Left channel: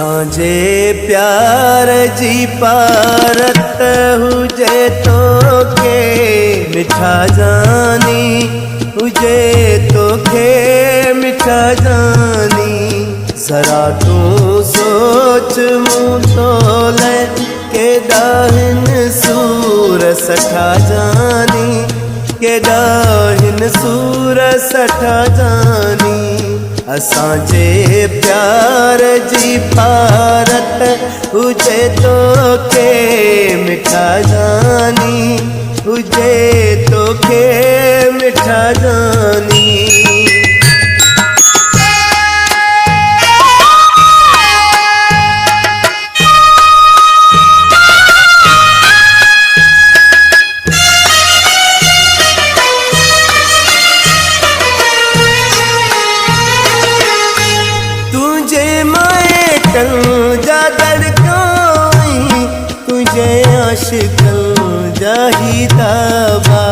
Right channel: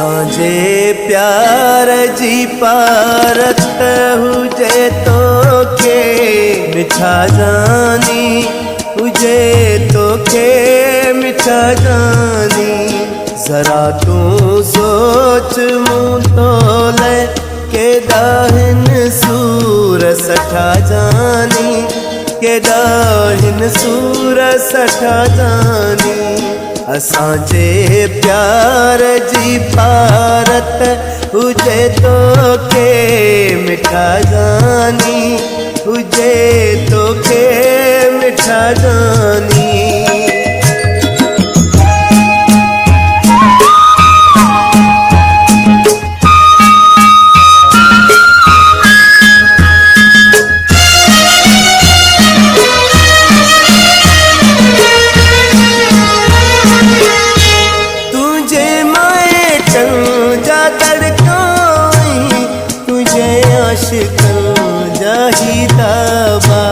असांजे प्यार जी पारत हुजे तोखे मिठा जानी, हुजे तोखे मिठा जानी। जरा तू सोच मूं तोले केॾा हिन सूर सठा जानी, केॾा हिन सूर सठा जानी। असांजे प्यार जी पारत हुजे तोखे मिठा जानी, हुजे तोखे मिठा जानी। जा धड़काई तुझे आशिकन जाही दाबा।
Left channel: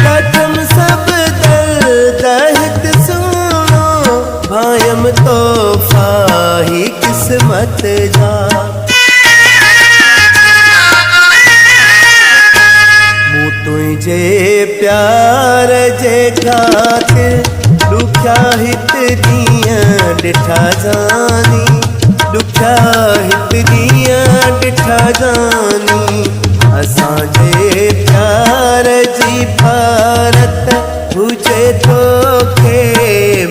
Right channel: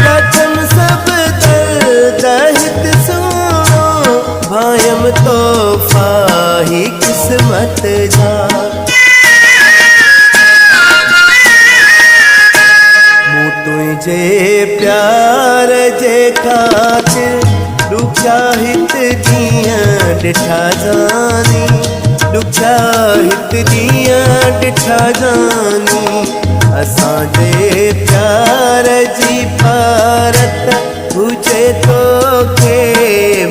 प्रथम सब दर्द हित सुनो भायम तोहफा ही किस्मत जा। मूं तुझे प्यार जे खातिर ॾुखिया हित ॾींहं ॾिठा जानी, ॾुखिया हित ॾींहं ॾिठा जानी। असांजे प्यार जी पारत हुजे तोखे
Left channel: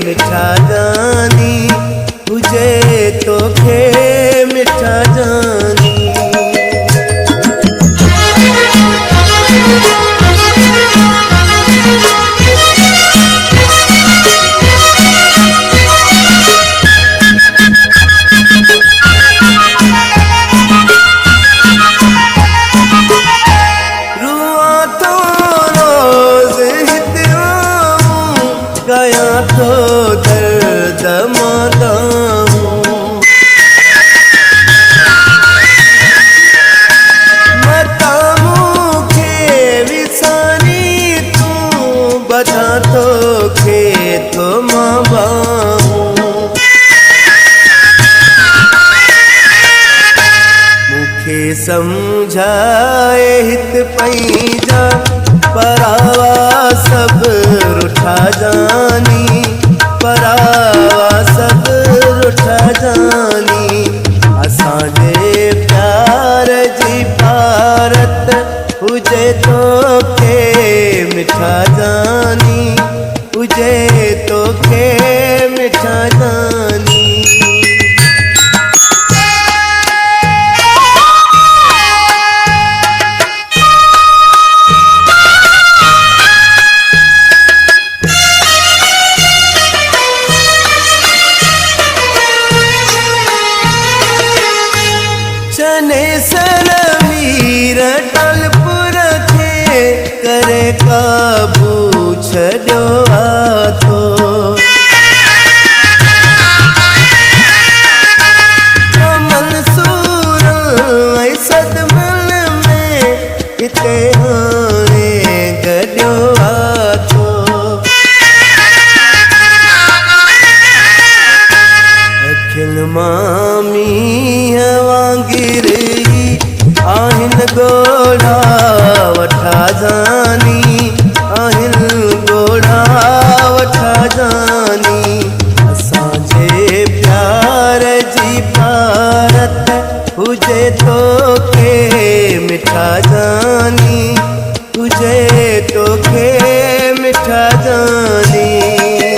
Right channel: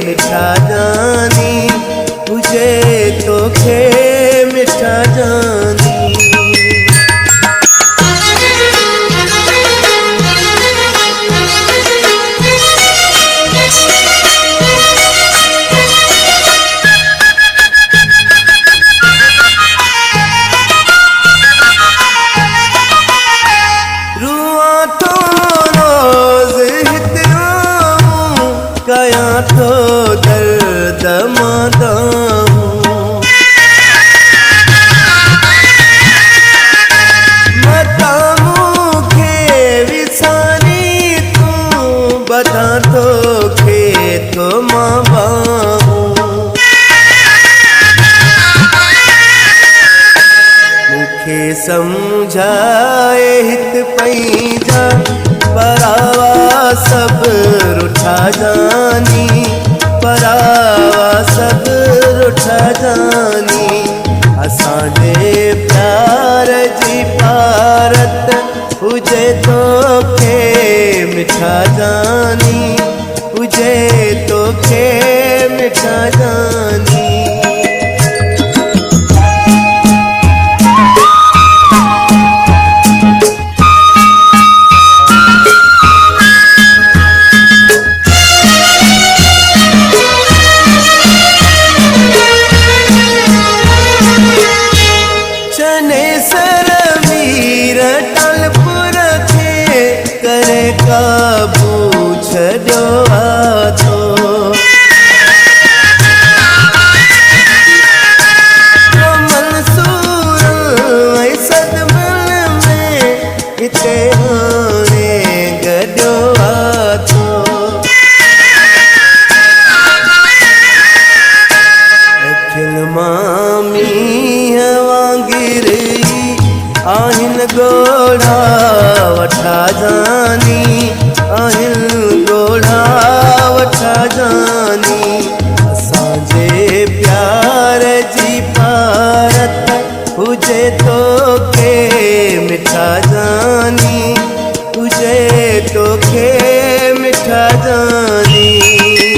मिठा जानी, हुजे तोखे मिठा जानी। कयां तो दर्द मादाऊं, मता मूंखे विसारी तूं बता तोखे तो मां बाहूं। मूंखे समझाए हित पंहिंजा परावा सब रुठा जानी, परावा सब रुठा जानी। असांजे प्यार जी पारत हुजे तोखे मिठा जानी, हुजे तोखे मिठा जानी। सर मीर टलपुर खे करे काबू छॾियो थो। मंसूर ऐं सदमल में हिते हाणे गॾियो थो। अखिल मामी वांगिर आहिन गोढ़ा वठा जानी, आहिन गोढ़ा वठा जानी। असांजे प्यार जी पारत हुजे तोखे मिठा जानी, हुजे तोखे मिठा जानी।